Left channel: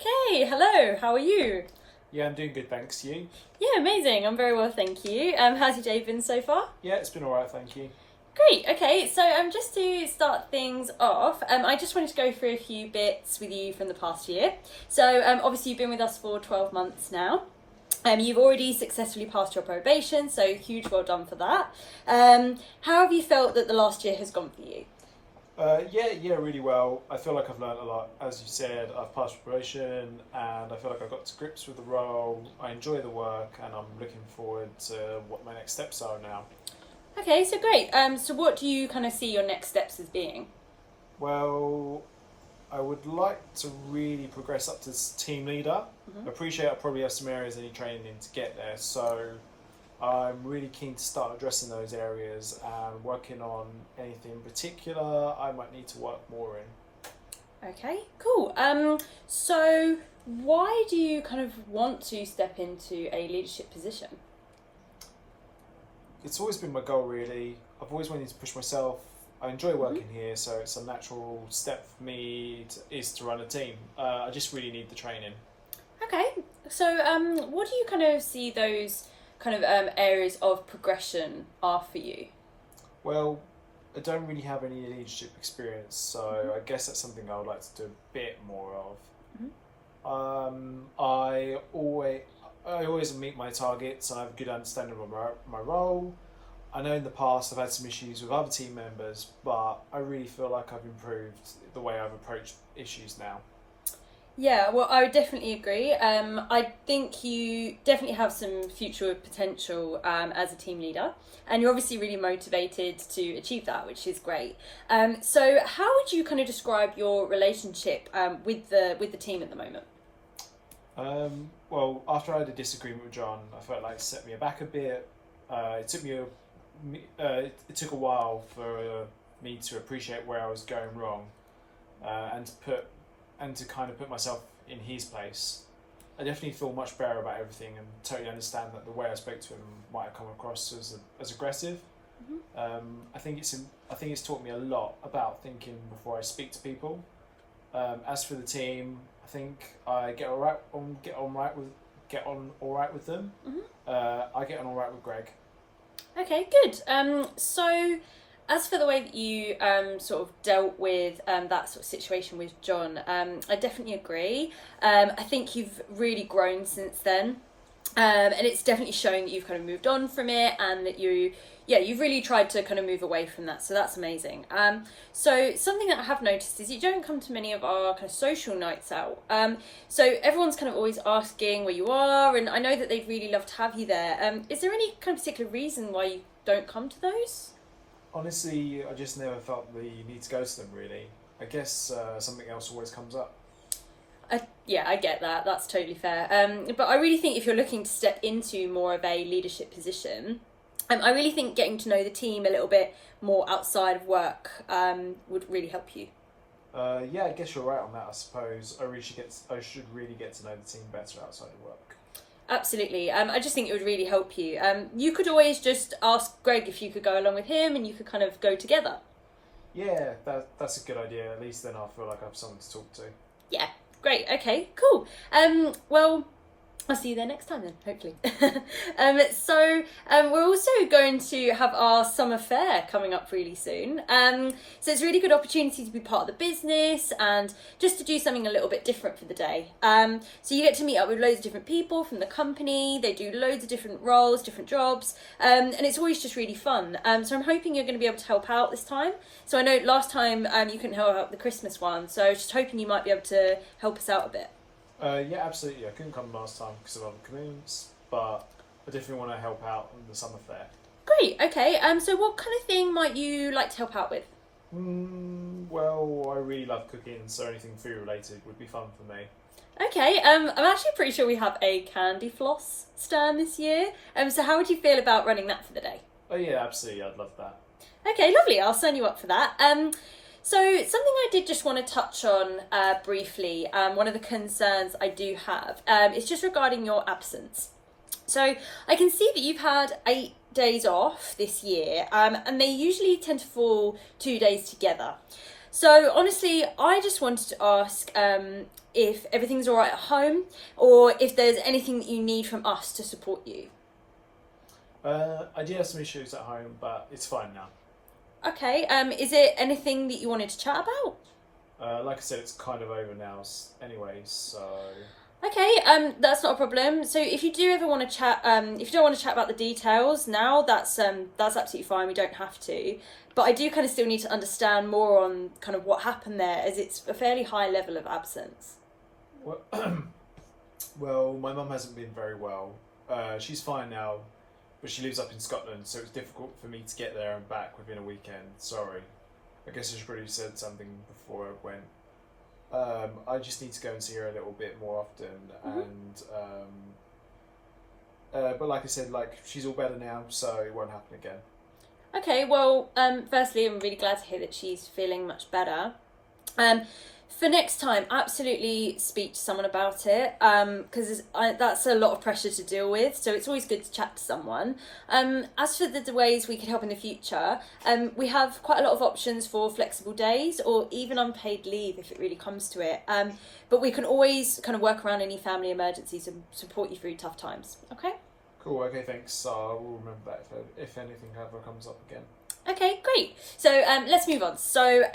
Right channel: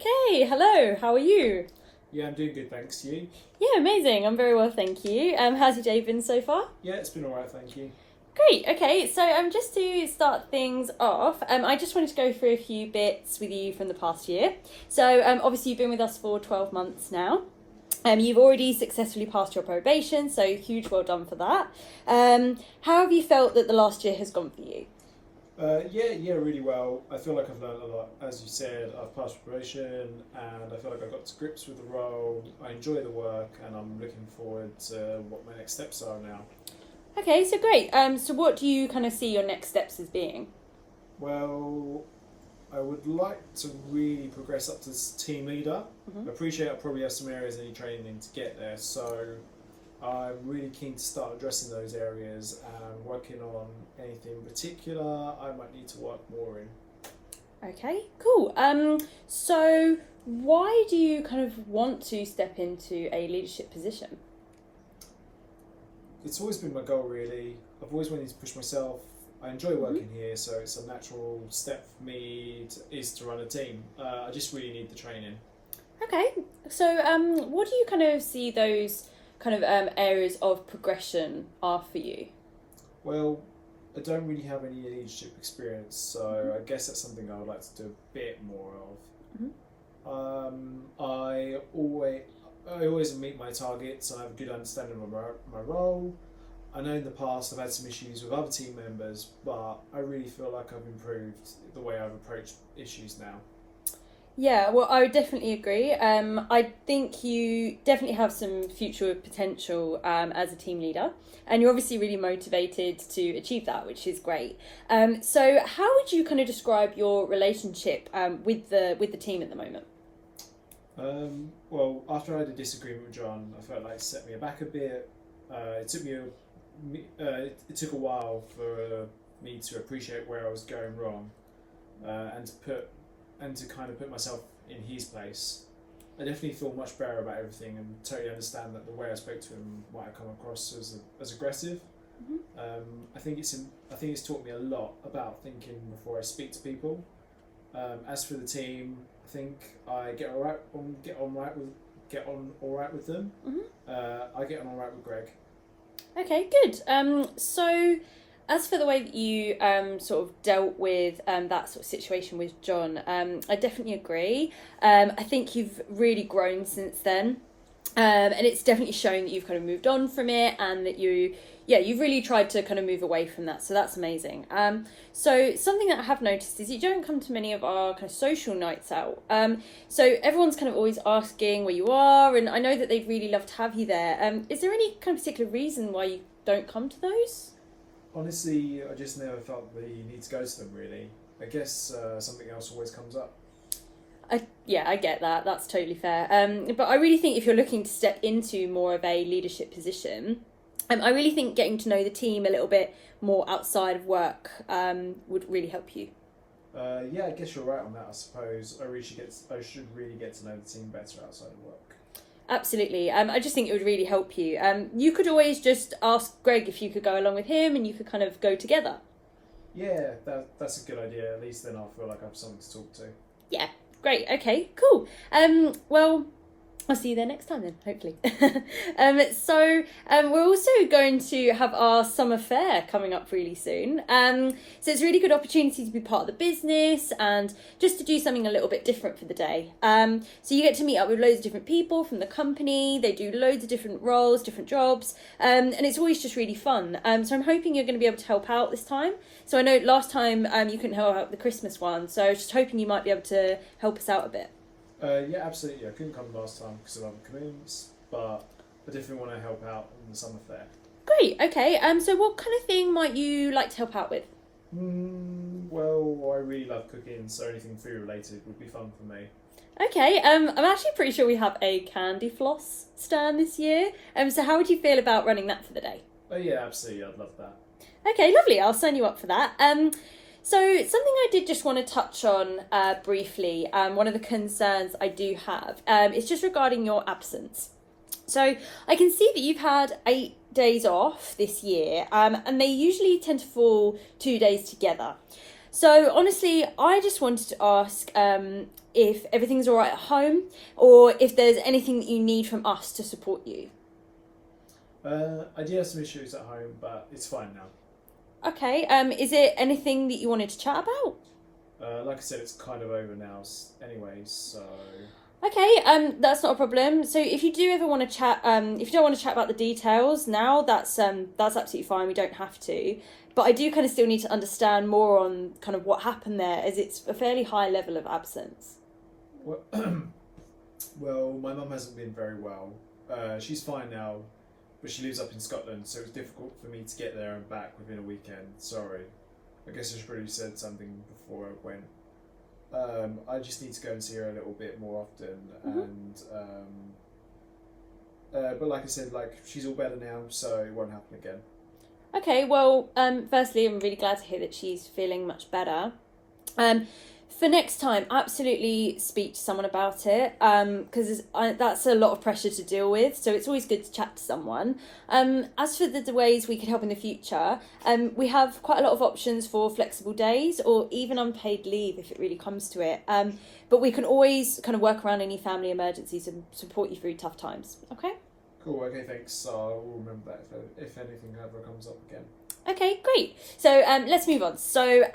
Okay, hello, how are you? Yeah, I'm doing good, thanks. You? Yeah, amazing. I'm very well, thank you. How's your day been so far? Yeah, it's been alright, thank you. Great. Okay, so just to start things off, I just wanted to go through a few bits with you from the past year. So obviously you've been with us for 12 months now. You've already successfully passed your probation, so huge well done for that. How have you felt that the last year has gone for you? Yeah, really well. I feel like I've learned a lot. As you said, I've passed probation and I feel like I've got to grips with the role. I enjoy the work and I'm looking forward to what my next steps are now. Okay, so great. So what do you kind of see your next steps as being? Well, I would like to really progress up to team leader. Mm-hmm. I appreciate I probably have some areas I need training in to get there, so I'm really keen to start addressing those areas and working on anything in particular I might need to work more in. Okay, cool. So why do you kind of want to step into a leadership position? It's always been my goal, really. I've always wanted to push myself. I enjoy working here, so it's a natural step for me to run a team. I just really need the training. Okay, so what do you kind of see those kind of areas of progression are for you? Well, I don't really have any leadership experience, so I guess that's something I would like to do a bit more of. Mm-hmm. I always meet my targets and I have a good understanding of my role. I know in the past I've had some issues with other team members, but I really feel like I've improved the way I've approached issues now. Yeah, well, I would definitely agree. I think you definitely have some future potential as a team leader, and you're obviously really motivated to achieve that, which is great. So, how would you kind of describe your relationship with the team at the moment? Well, after I had a disagreement with John, I felt like it set me aback a bit. It took a while for me to appreciate where I was going wrong, and to kind of put myself in his place. I definitely feel much better about everything and totally understand that the way I spoke to him might have come across as aggressive. Mm-hmm. I think it's taught me a lot about thinking before I speak to people. As for the team, I think I get on all right with them. Mm-hmm. I get on all right with Greg. Okay, good. So as for the way that you sort of dealt with that sort of situation with John, I definitely agree. I think you've really grown since then. And it's definitely shown that you've kind of moved on from it and that you've really tried to kind of move away from that. So that's amazing. So something that I have noticed is you don't come to many of our kind of social nights out. So everyone's kind of always asking where you are, and I know that they'd really love to have you there. Is there any kind of particular reason why you don't come to those? Honestly, I just never felt the need to go to them, really. I guess something else always comes up. Yeah, I get that. That's totally fair. But I really think if you're looking to step into more of a leadership position, I really think getting to know the team a little bit more outside of work would really help you. Yeah, I guess you're right on that. I suppose I should really get to know the team better outside of work. Absolutely. I just think it would really help you. You could always just ask Greg if you could go along with him and you could kind of go together. Yeah, that's a good idea. At least then I feel like I have someone to talk to. Yeah, great. Okay, cool. Well, I'll see you there next time then, hopefully. So we're also going to have our summer fair coming up really soon. So it's a really good opportunity to be part of the business and just to do something a little bit different for the day. So you get to meet up with loads of different people from the company. They do loads of different roles, different jobs, and it's always just really fun. So I'm hoping you're going to be able to help out this time. So I know last time you couldn't help out with the Christmas one, so I was just hoping you might be able to help us out a bit. Yeah, absolutely. I couldn't come last time because of other commitments, but I definitely want to help out in the summer fair. Great, okay. So what kind of thing might you like to help out with? Well, I really love cooking, so anything food related would be fun for me. Okay, I'm actually pretty sure we have a candy floss stand this year. So how would you feel about running that for the day? Oh yeah, absolutely. I'd love that. Okay, lovely. I'll sign you up for that. So something I did just want to touch on briefly, one of the concerns I do have is just regarding your absence. So I can see that you've had 8 days off this year, and they usually tend to fall 2 days together. So honestly, I just wanted to ask if everything's all right at home, or if there's anything that you need from us to support you. I did have some issues at home, but it's fine now. Okay. Is it anything that you wanted to chat about? Like I said, it's kind of over now anyway, so... Okay, that's not a problem. So if you do ever want to chat, if you don't want to chat about the details now, that's absolutely fine. We don't have to. But I do kind of still need to understand more on kind of what happened there, as it's a fairly high level of absence. Well, well, my mum hasn't been very well. She's fine now, but she lives up in Scotland, so it's difficult for me to get there and back within a weekend. Sorry. I guess I should probably said something before I went. I just need to go and see her a little bit more often, and but like I said, like she's all better now, so it won't happen again. Okay, well, firstly, I'm really glad to hear that she's feeling much better. For next time, absolutely speak to someone about it, because that's a lot of pressure to deal with, so it's always good to chat to someone. As for the ways we could help in the future, we have quite a lot of options for flexible days or even unpaid leave if it really comes to it. But we can always kind of work around any family emergencies and support you through tough times, okay? Cool, okay, thanks. I'll remember that if anything ever comes up again. Okay, great. So let's move on. So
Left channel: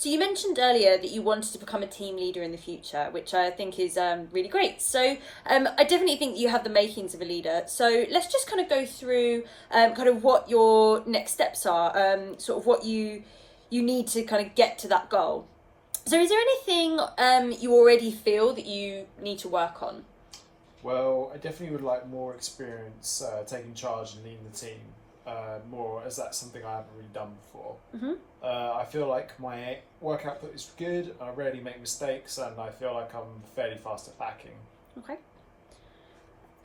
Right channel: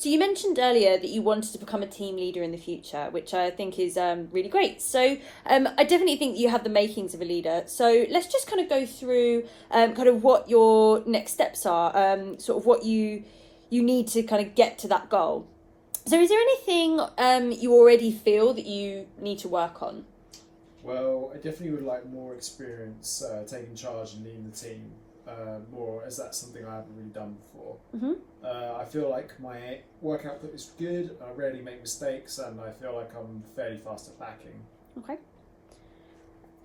you mentioned earlier that you wanted to become a team leader in the future, which I think is really great. So I definitely think you have the makings of a leader. So let's just kind of go through kind of what your next steps are, sort of what you need to kind of get to that goal. So is there anything you already feel that you need to work on? Well, I definitely would like more experience taking charge and leading the team. More, as that's something I haven't really done before. I feel like my work output is good, I rarely make mistakes, and I feel like I'm fairly fast at backing.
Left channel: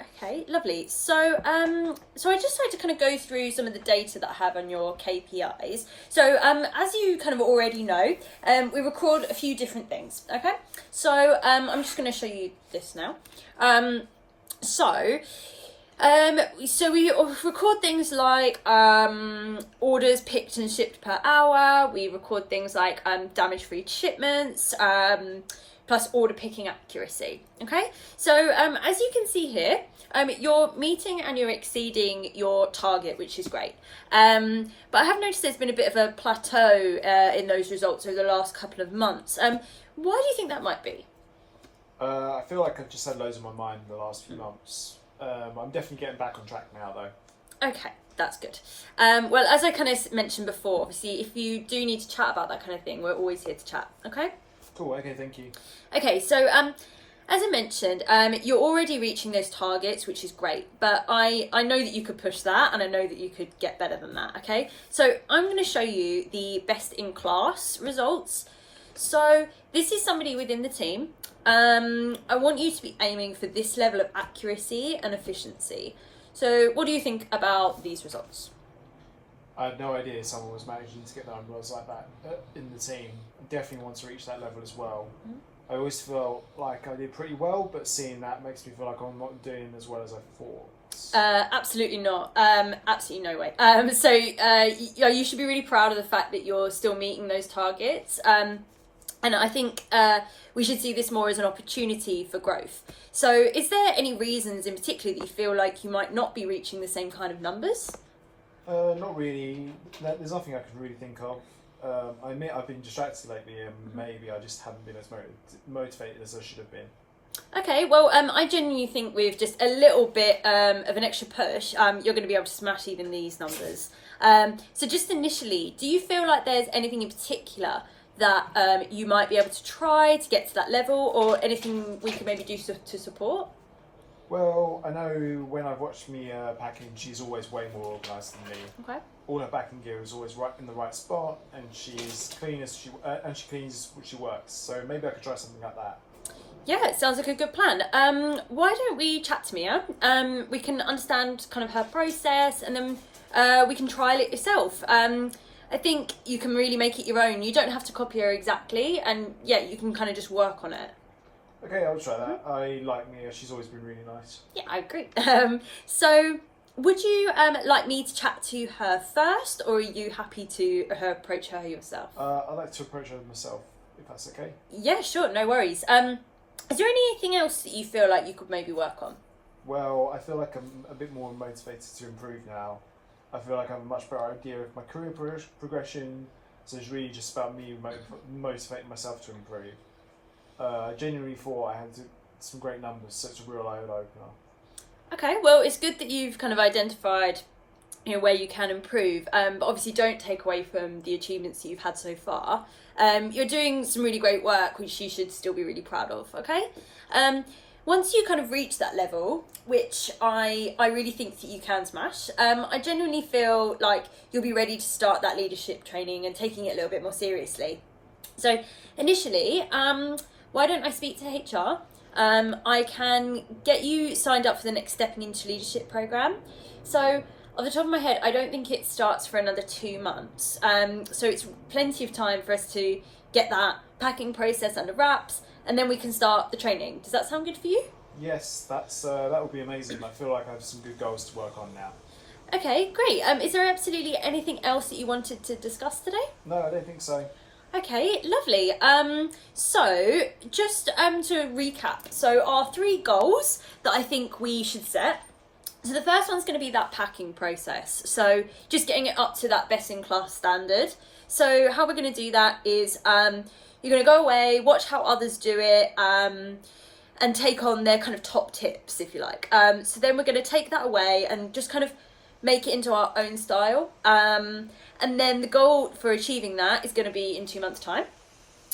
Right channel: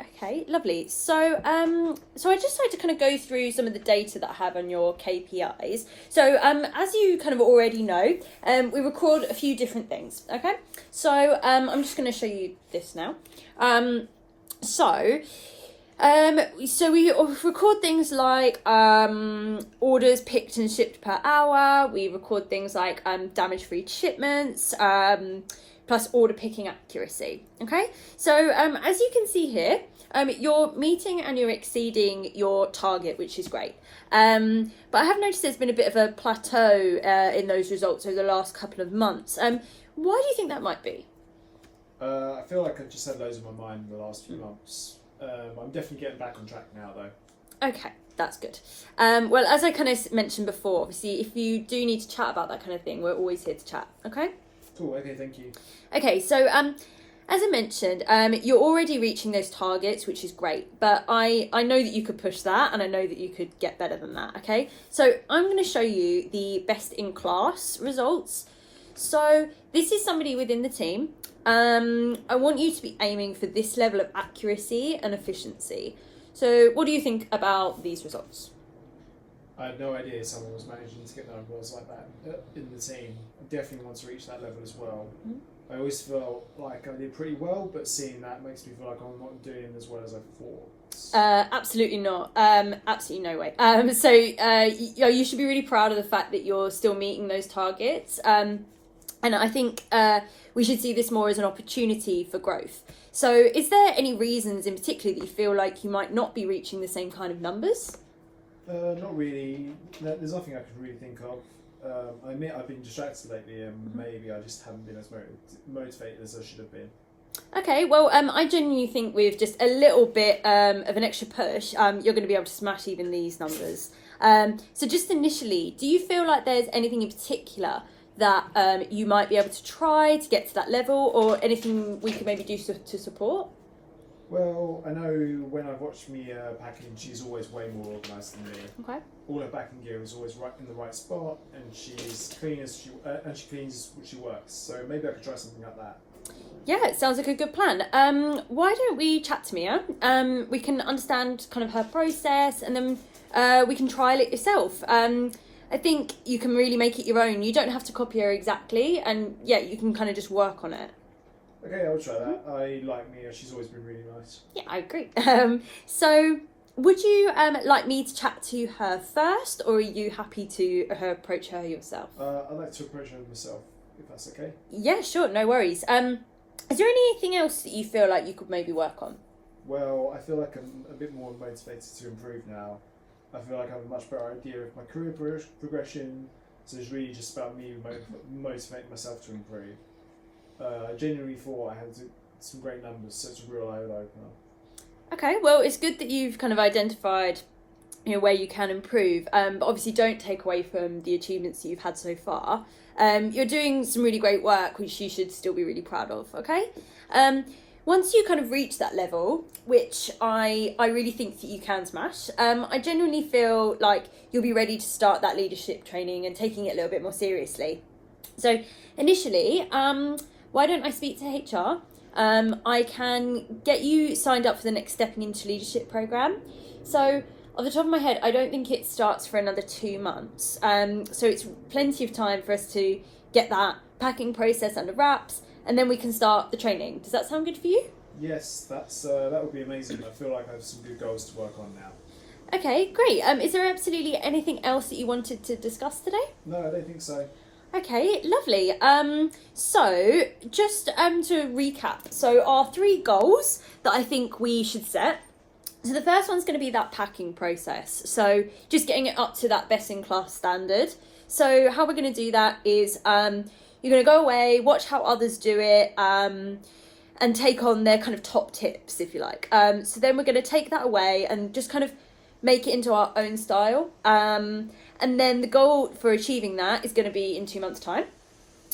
Okay, lovely. So I'd just like to kind of go through some of the data that I have on your KPIs. So as you kind of already know, we record a few different things, okay? So I'm just going to show you this now. So we record things like orders picked and shipped per hour. We record things like damage-free shipments, plus order picking accuracy. Okay, so as you can see here, you're meeting and you're exceeding your target, which is great. But I have noticed there's been a bit of a plateau in those results over the last couple of months. Why do you think that might be? I feel like I've just had loads on my mind in the last few months. I'm definitely getting back on track now, though. Okay, that's good. Well, as I kind of mentioned before, obviously, if you do need to chat about that kind of thing, we're always here to chat, okay? Cool, okay, thank you. Okay, so as I mentioned, you're already reaching those targets, which is great, but I know that you could push that, and I know that you could get better than that, okay? So I'm going to show you the best in class results. So this is somebody within the team. I want you to be aiming for this level of accuracy and efficiency. So what do you think about these results? I had no idea someone was managing to get numbers like that in the team. I definitely want to reach that level as well. I always felt like I did pretty well, but seeing that makes me feel like I'm not doing as well as I thought. Absolutely not. Absolutely no way. So you should be really proud of the fact that you're still meeting those targets. And I think we should see this more as an opportunity for growth. So is there any reasons in particular that you feel like you might not be reaching the same kind of numbers? Not really. There's nothing I can really think of. I admit I've been distracted lately, and maybe I just haven't been as motivated as I should have been. Okay, well, I genuinely think with just a little bit of an extra push, you're going to be able to smash even these numbers. So just initially, do you feel like there's anything in particular that you might be able to try to get to that level, or anything we could maybe do to support? Well, I know when I've watched Mia packing, she's always way more organised than me. Okay. All her packing gear is always right in the right spot, and she's clean as she cleans what she works. So maybe I could try something like that. Yeah, it sounds like a good plan. Why don't we chat to Mia? We can understand kind of her process, and then we can trial it yourself. I think you can really make it your own. You don't have to copy her exactly, and yeah, you can kind of just work on it. Okay, I'll try that. I like Mia. She's always been really nice. Yeah, I agree. So Would you like me to chat to her first, or are you happy to approach her yourself? I'd like to approach her myself, if that's okay. Yeah, sure, no worries. Is there anything else that you feel like you could maybe work on? Well, I feel like I'm a bit more motivated to improve now. I feel like I have a much better idea of my career progression, so it's really just about me motivating myself to improve. I genuinely thought I had some great numbers, so it's a real eye-opener. Okay, well, it's good that you've kind of identified, where you can improve. But obviously, don't take away from the achievements that you've had so far. You're doing some really great work, which you should still be really proud of. Okay. Once you kind of reach that level, which I really think that you can smash, I genuinely feel like you'll be ready to start that leadership training and taking it a little bit more seriously. So initially, why don't I speak to HR? I can get you signed up for the next Stepping into Leadership program. So off the top of my head, I don't think it starts for another 2 months. So it's plenty of time for us to get that packing process under wraps, and then we can start the training. Does that sound good for you? Yes, that would be amazing. I feel like I have some good goals to work on now. Okay, great. Is there absolutely anything else that you wanted to discuss today? No, I don't think so. Okay, lovely. So just to recap, so our 3 goals that I think we should set. So the first one's going to be that packing process. So just getting it up to that best in class standard. So how we're going to do that is you're going to go away, watch how others do it, and take on their kind of top tips, if you like. So then we're going to take that away and just kind of make it into our own style. And then the goal for achieving that is going to be in 2 months' time.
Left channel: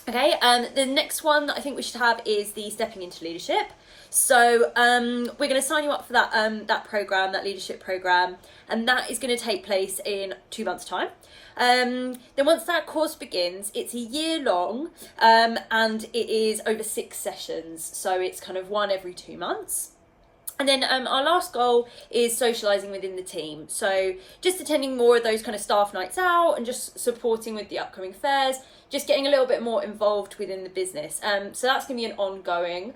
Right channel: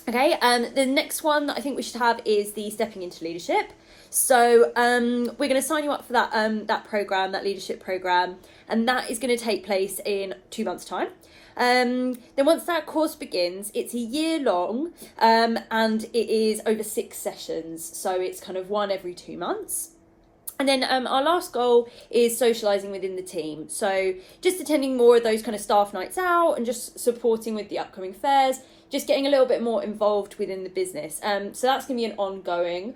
Okay, the next one that I think we should have is the Stepping into Leadership. So we're going to sign you up for that program, that leadership program, and that is going to take place in 2 months' time. Then once that course begins, it's a year long, and it is over 6 sessions. So it's kind of one every 2 months. And then our last goal is socialising within the team. So just attending more of those kind of staff nights out and just supporting with the upcoming fairs, just getting a little bit more involved within the business. So that's going to be an ongoing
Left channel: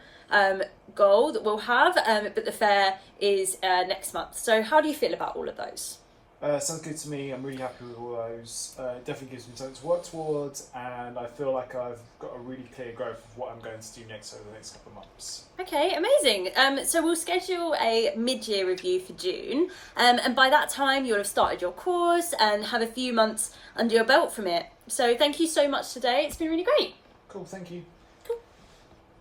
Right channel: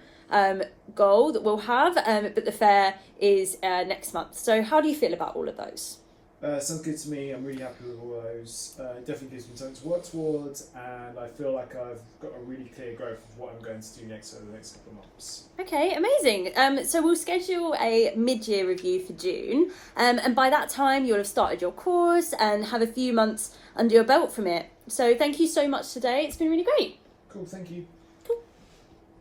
goal that we'll have, but the fair is next month. So how do you feel about all of those? Sounds good to me. I'm really happy with all those. It definitely gives me something to work towards, and I feel like I've got a really clear growth of what I'm going to do next over the next couple of months. Okay, amazing. So we'll schedule a mid-year review for June, and by that time you'll have started your course and have a few months under your belt from it. So thank you so much today. It's been really great. Cool, thank you.